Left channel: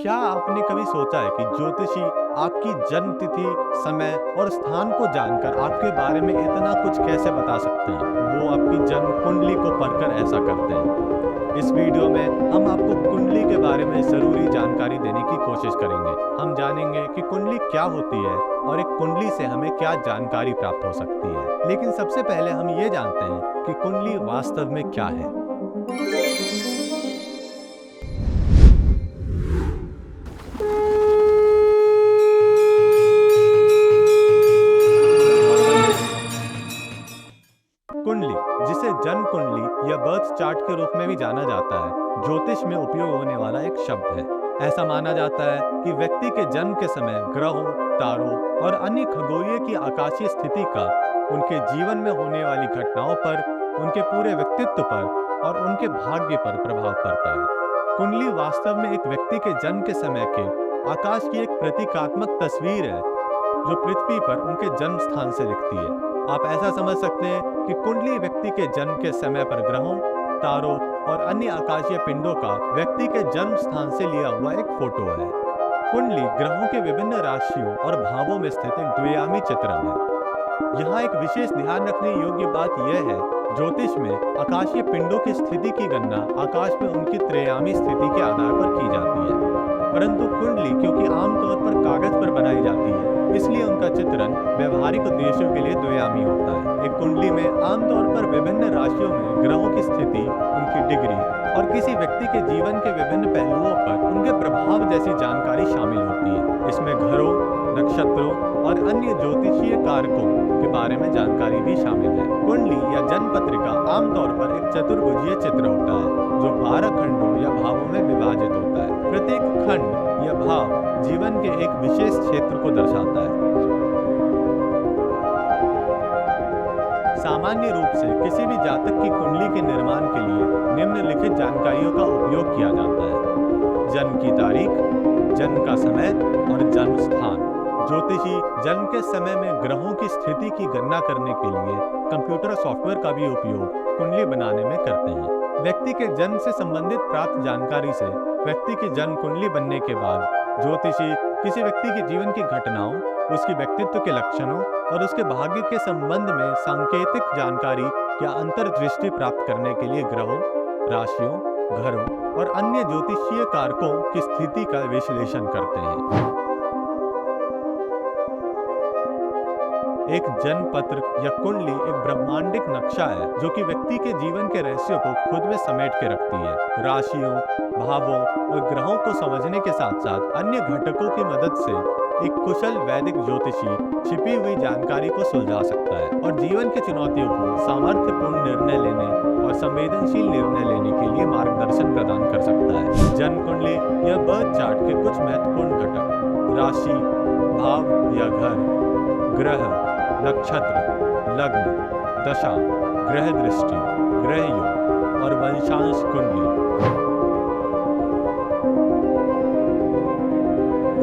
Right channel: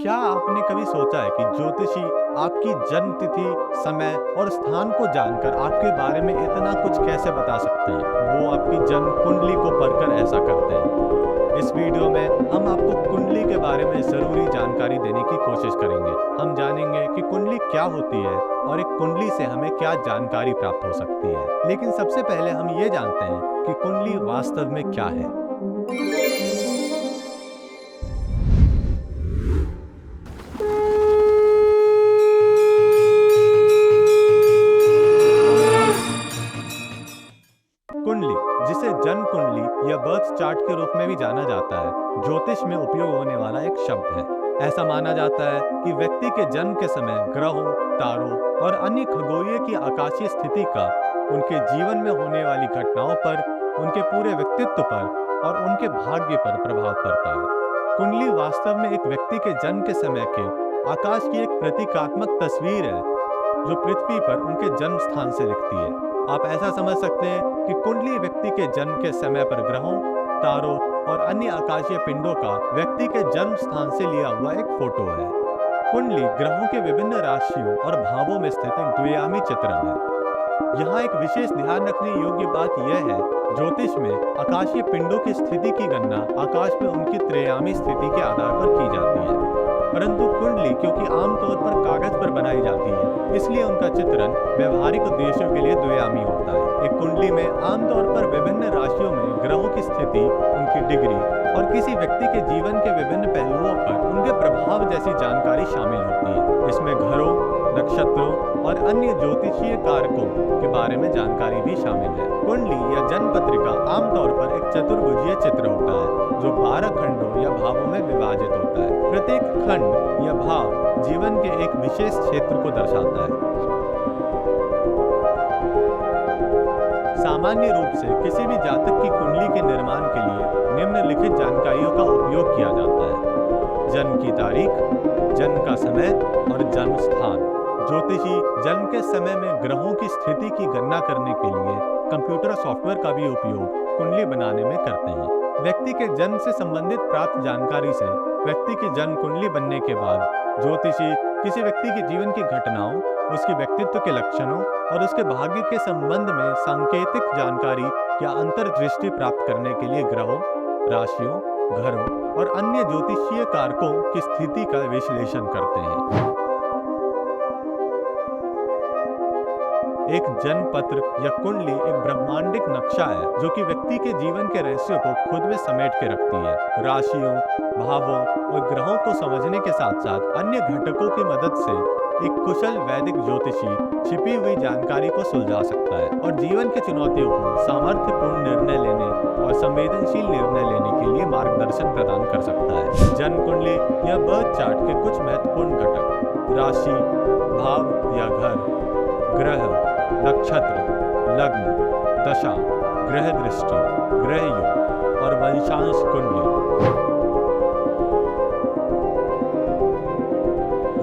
क्या आपने कभी सोचा है कि ज्योतिषी आपकी जन्म तिथि, समय और स्थान को जानकर आपके बारे में इतना कुछ कैसे बता सकते हैं? वो आपकी जन्म कुंडली को पढ़कर ऐसा करते हैं। इस वीडियो में हम आपको कुंडली के बारे में ज़रूरी जानकारी देने की कोशिश करेंगे। हम जानेंगे कि कुंडली क्या होती है और एक कुंडली से हमें क्या जानकारी प्राप्त हो सकती है। लेकिन सबसे पहले हम ये जानते हैं कि कुंडली वास्तव में क्या है। कुंडली, जिसे जन्म कुंडली या बर्थ चार्ट के रूप में भी जाना जाता है, ज्योतिष में उपयोग होने वाला एक शब्द है। ऐसा माना जाता है कि व्यक्ति के जन्म के समय ग्रहों, तारों और अन्य खगोलीय की आकाशीय स्थिति का उनके जीवन में होने वाली घटनाओं पर, उनके पूरे व्यक्तित्व पर और उनके भाग्य पर प्रभाव पड़ता है। कुंडली वास्तव में एक व्यक्ति के जन्म के समय के आकाश की एक प्रतीकात्मक तस्वीर है, जो पृथ्वी पर उनके जन्म स्थान से दिखती है। आप ऐसा समझ सकते हैं कि कुंडली व्यक्ति के जन्म के समय पर ग्रहों, तारों और अन्य आकाशीय पिंडों का व्यक्ति के जन्म स्थान से लिया हुआ एक फोटो है। कुंडली ग्रहों के विभिन्न राशियों और भावों में स्थित एक द्विआयामी चित्रण है। यहाँ एक विशेष ध्यान रखने योग्य बात यह है, ज्योतिष में आकाशीय पिंडों की स्थिति की गणना आकाश में उनकी त्रयामी स्थिति के आधार पर की जाती है, परंतु कुंडली क्योंकि आमतौर पर कागज पर बनाई जाती है, इसलिए उनका चित्रण व्यवहारिक उद्देश्यों के लिए द्विआयामी होता है। एक कुंडली में आमतौर पर विभिन्न राशियों में ग्रहों की स्थिति, उनकी डिग्री और किसी व्यक्ति के जीवन के विभिन्न पहलुओं पर उनके प्रभाव जैसी जानकारी शामिल होती है। इसमें घरों, नक्षत्रों और अन्य ज्योतिषीय कारकों के बारे में जानकारी भी शामिल है। कुंडली या जन्म पत्रिका आमतौर पर एक चतुर्भुजीय चित्र होता है, जो 12 खंडों या भावों में विभाजित होता है। प्रत्येक खंड या भाव जीवन के एक विशेष क्षेत्र को दर्शाता है। सामान्य रूप से किसी भी जातक की कुंडली के निर्माण के लिए निम्नलिखित जानकारियों का उपयोग किया जाता है: जन्म की तारीख, जन्म का समय और जन्म स्थान। ज्योतिषी जन्म के समय में ग्रहों की स्थिति की गणना करने के लिए कंप्यूटर सॉफ्टवेयर का भी उपयोग कुंडली बनाने में करते हैं। व्यक्ति के जन्म से संबंधित प्राप्त जानकारी से व्यक्ति की जन्म कुंडली बनने के बाद ज्योतिषी किसी व्यक्ति के जीवन की घटनाओं, उसके व्यक्तित्व के लक्षणों और उसके भाग्य के संबंध में सांकेतिक जानकारी या अंतर्दृष्टि प्राप्त करने के लिए ग्रहों, राशियों, घरों और अन्य ज्योतिषीय कारकों की स्थिति का विश्लेषण करते हैं। एक जन्म पत्र या कुंडली एक ब्रह्मांडिक नक्शा है, जो कि व्यक्ति के जीवन के रहस्यों को खुद में समेट के रखती है। राशियों, भावों और ग्रहों को समझने के साथ साथ अन्य घटकों की मदद से एक कुशल वैदिक ज्योतिषी छिपी हुई जानकारी को सुलझा सकता है और जीवन की चुनौतियों को सामर्थ्यपूर्ण निर्णय लेने और संवेदनशील निर्णय लेने के लिए मार्गदर्शन प्रदान कर सकता है। जन्म कुंडली या बर्थ चार्ट के कुछ महत्वपूर्ण घटक: राशि, भाव या घर, ग्रह, नक्षत्र, लग्न, दशा, ग्रह दृष्टि, ग्रह योग और वंशांश कुंडली।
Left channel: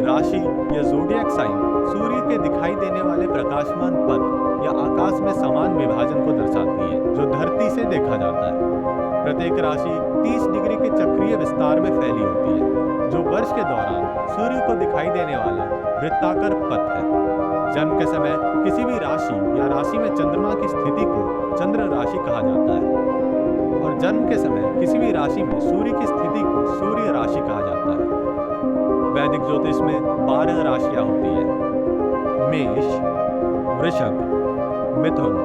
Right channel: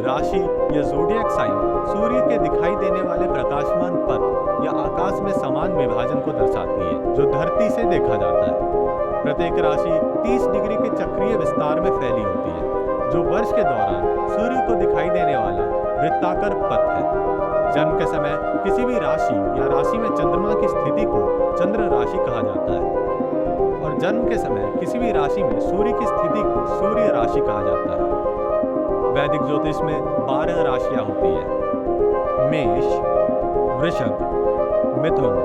राशि या ज़ोडिएक साइन सूर्य के दिखाई देने वाले प्रकाशमान पथ या आकाश में समान विभाजन को दर्शाती है, जो धरती से देखा जाता है। प्रत्येक राशि 30 डिग्री के चक्रीय विस्तार में फैली होती है, जो वर्ष के दौरान सूर्य को दिखाई देने वाला वृत्ताकार पथ है। जन्म के समय किसी भी राशि या राशि में चंद्रमा की स्थिति को चंद्र राशि कहा जाता है और जन्म के समय किसी भी राशि में सूर्य की स्थिति को सूर्य राशि कहा जाता है। वैदिक ज्योतिष में 12 राशियां होती है: मेष, वृषभ, मिथुन,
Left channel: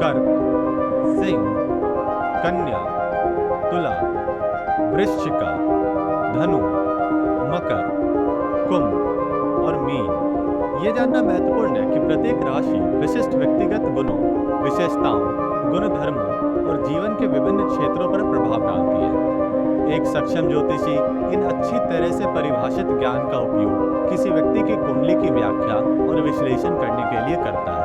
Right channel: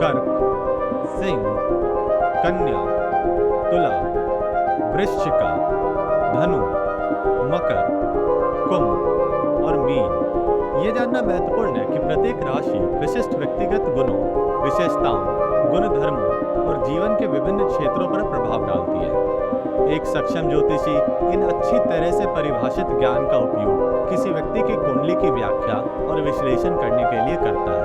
कर्क, सिंह, कन्या, तुला, वृश्चिका, धनु, मकर, कुंभ और मीन। ये जानना महत्वपूर्ण है कि प्रत्येक राशि विशिष्ट व्यक्तिगत गुणों, विशेषताओं, गुण धर्मों और जीवन के विभिन्न क्षेत्रों पर प्रभाव डालती है। एक सक्षम ज्योतिषी इन अच्छी तरह से परिभाषित ज्ञान का उपयोग किसी व्यक्ति की कुंडली की व्याख्या और विश्लेषण करने के लिए करता है।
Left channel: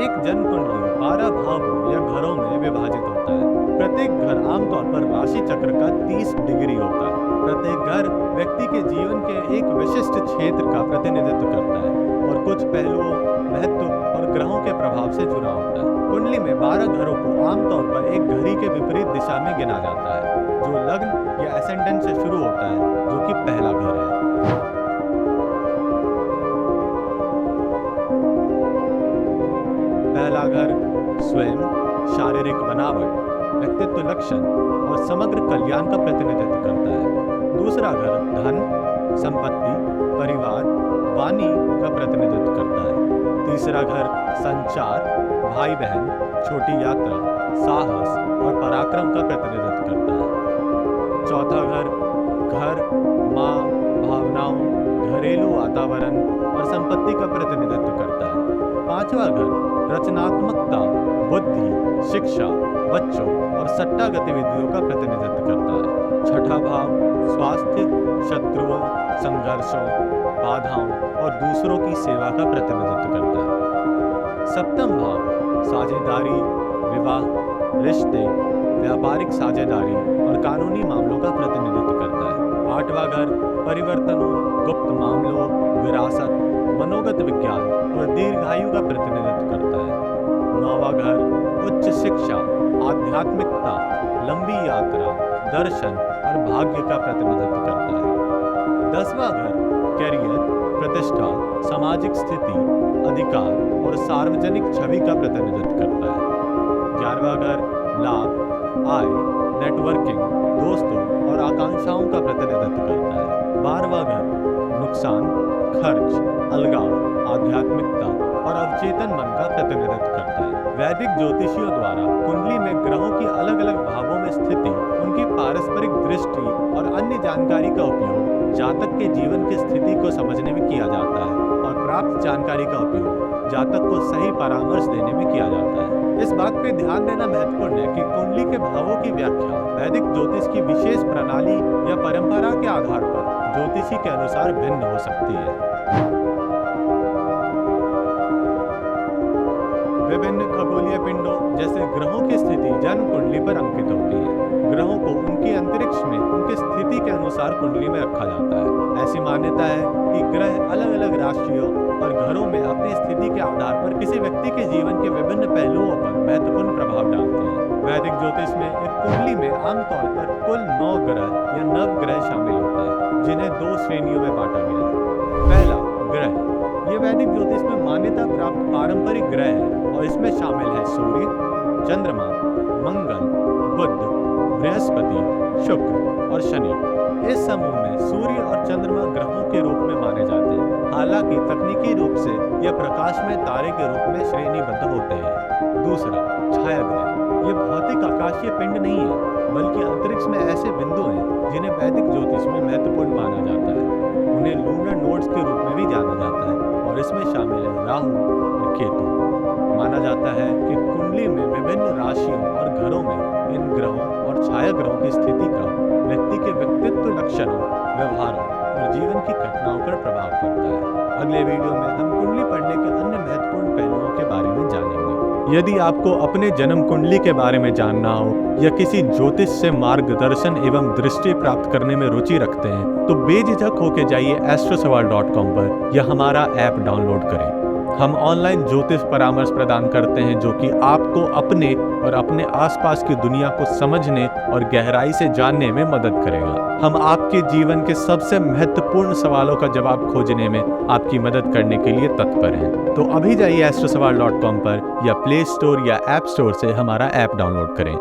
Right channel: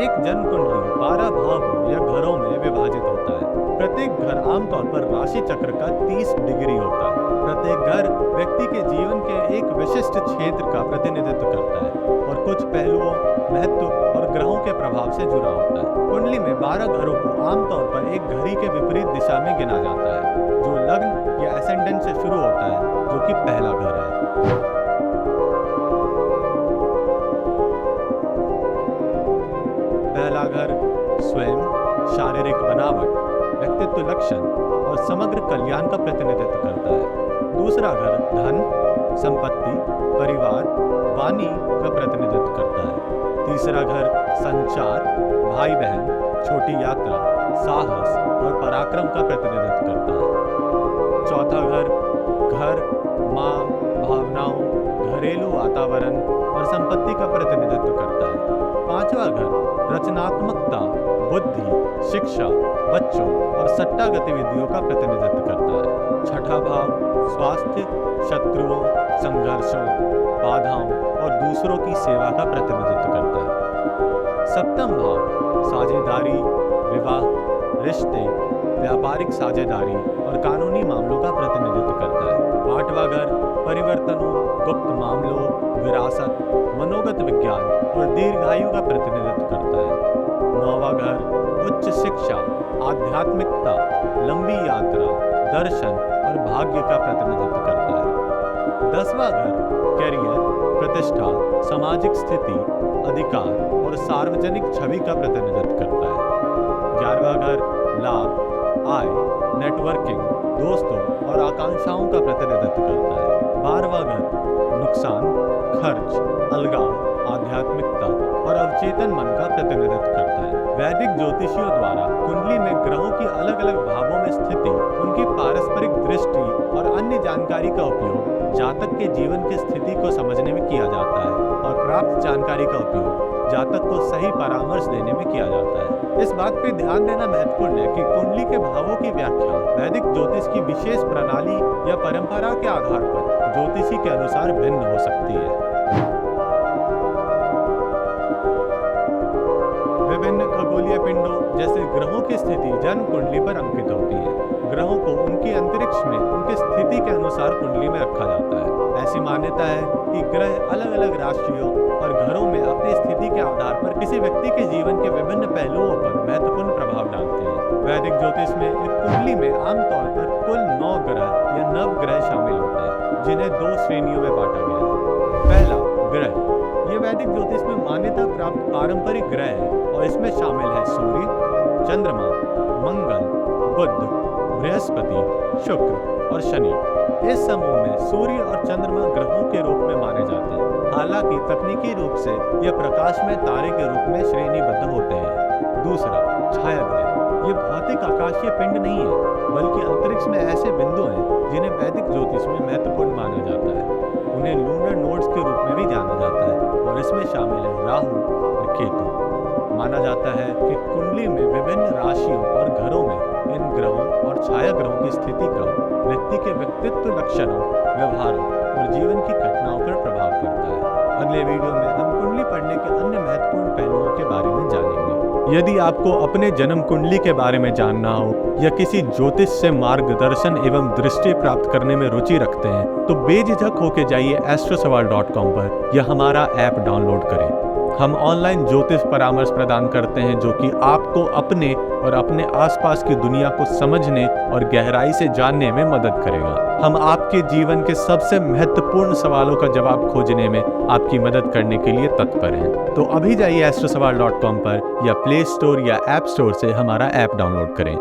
एक जन्म कुंडली 12 भावों या घरों में विभाजित होता है। प्रत्येक घर आमतौर पर राशि चक्र का 30 डिग्री होता है। प्रत्येक घर व्यक्ति के जीवन के एक विशिष्ट क्षेत्र का प्रतिनिधित्व करता है और कुछ पहलुओं, महत्व और ग्रहों के प्रभाव से जुड़ा होता है। कुंडली में 12 घरों को आमतौर पर एक घड़ी के विपरीत दिशा में गिना जाता है, जो लग्न या एसेंडेंट से शुरू होता है, जो कि पहला घर है। पहला घर स्वयं, शारीरिक बनावट, व्यक्तित्व लक्षण और समग्र कल्याण का प्रतिनिधित्व करता है। दूसरा घर धन, संपत्ति, परिवार, वाणी का प्रतिनिधित्व करता है। तीसरा घर संचार, भाई बहन, छोटी यात्रा, साहस और पराक्रम का प्रतिनिधित्व करता है। चौथा घर माँ, भावनाओं, घरेलू वातावरण और संपत्ति का प्रतिनिधित्व करता है। पांचवा घर रचनात्मकता, बुद्धि, शिक्षा, बच्चों और सट्टा गतिविधियों का प्रतिनिधित्व करता है। छठा भाव स्वास्थ्य, शत्रुओं, संघर्षों, बाधाओं और दूसरों की सेवा का प्रतिनिधित्व करता है। सप्तम भाव साझेदारी, विवाह, रिश्ते, व्यापारिक साझेदारी और कानूनी मामलों का प्रतिनिधित्व करता है। आठवां घर परिवर्तनों, गुप्त मामलों, विरासत, मनोगत विज्ञान और दीर्घायु का प्रतिनिधित्व करता है। नौवां घर उच्च शिक्षा, आध्यात्मिकता, लंबी यात्रा, दर्शन और भाग्य का प्रतिनिधित्व करता है। 10वां घर कैरियर, प्रतिष्ठा, सामाजिक स्थिति, अधिकार और सार्वजनिक छवि का प्रतिनिधित्व करता है। 11वां घर लाभ, आय, नेटवर्किंग, दोस्तों और आकांक्षाओं का प्रतिनिधित्व करता है। 12वां घर नुकसान, खर्च, अलगाव, आध्यात्मिकता और अवचेतन मन का प्रतिनिधित्व करता है। वैदिक ज्योतिषियों द्वारा कुंडली में ग्रहों की अलग अलग भावों में स्थिति, उनकी पारस्परिक दृष्टि और अन्य जानकारी का उपयोग जातक के जीवन की स्थिति को समझने में किया जाता है और प्राप्त जानकारी का उपयोग जातक को सही परामर्श देने में किया जाता है। इस बात पे ध्यान देना महत्वपूर्ण है कि कुंडली के भावों की व्याख्या वैदिक ज्योतिष की विशेष प्रणाली या परंपरा के आधार पर ज्योतिषी के अनुसार भिन्न हो सकती है। विभिन्न खगोलीय पिंडों जैसे ग्रहों की स्थिति जन्म कुंडली पर अंकित होती है। ग्रहों को उनके अंतरिक्ष में उनकी स्थिति के अनुसार कुंडली में रखा जाता है। ऐसी मान्यता है कि ग्रह अलग अलग राशियों और घरों में अपनी स्थिति के आधार पर किसी व्यक्ति के जीवन के विभिन्न पहलुओं पर महत्वपूर्ण प्रभाव डालते हैं। वैदिक ज्योतिष में एक कुंडली में आमतौर पर कुल 9 ग्रह या नवग्रह शामिल होते हैं, जिन्हें 2 श्रेणियों में बांटा गया है। पहला ग्रह, ये वैदिक ज्योतिष में मान्यता प्राप्त पारंपरिक ग्रह है और इसमें शामिल है सूर्य, चंद्रमा, मंगल, बुध, बृहस्पति, शुक्र और शनि। इस समूह में सूर्य और चंद्रमा ग्रहों के रूप में माने जाते हैं। हालांकि तकनीकी रूप से यह प्रकाश में तारे के रूप में श्रेणीबद्ध होते हैं। दूसरा छाया ग्रह, ये भौतिक आकाशीय पिंड नहीं है, बल्कि अंतरिक्ष में ऐसे बिंदु हैं जिन्हें वैदिक ज्योतिष में महत्वपूर्ण माना जाता है। उन्हें लूनर नोड्स के रूप में भी जाना जाता है और इसमें शामिल है राहु और केतु। माना जाता है कि कुंडली में विभिन्न राशियों और घरों में इन ग्रहों और छाया ग्रहों की स्थिति का व्यक्ति के व्यक्तित्व लक्षणों, व्यवहारों और जीवन की घटनाओं पर प्रभाव पड़ता है। अगले वीडियो में हम कुंडली पढ़ने के अन्य महत्वपूर्ण पहलुओं के बारे में जानेंगे। यदि आपको अपने जन्म कुंडली के बारे में जानना हो या किसी ज्योतिष से मार्गदर्शन एवं दृष्टि प्राप्त करने में रुचि रखते हैं, तो बेझिझक होकर जाइए astrosawal.com पर या हमारा ऐप डाउनलोड करें। हम ऑनलाइन ज्योतिष परामर्श प्रदान करते हैं जो कि आपको अपने और अपने आसपास की दुनिया को समझने और गहराई से जानने में मदद करेगा। हम आपके जीवन के सबसे महत्वपूर्ण सवालों का जवाब खोजने में आपकी मदद करने के लिए तत्पर हैं। तो अभी जाइए astrosawal.com पर या प्ले स्टोर या ऐप स्टोर से हमारा ऐप डाउनलोड करें।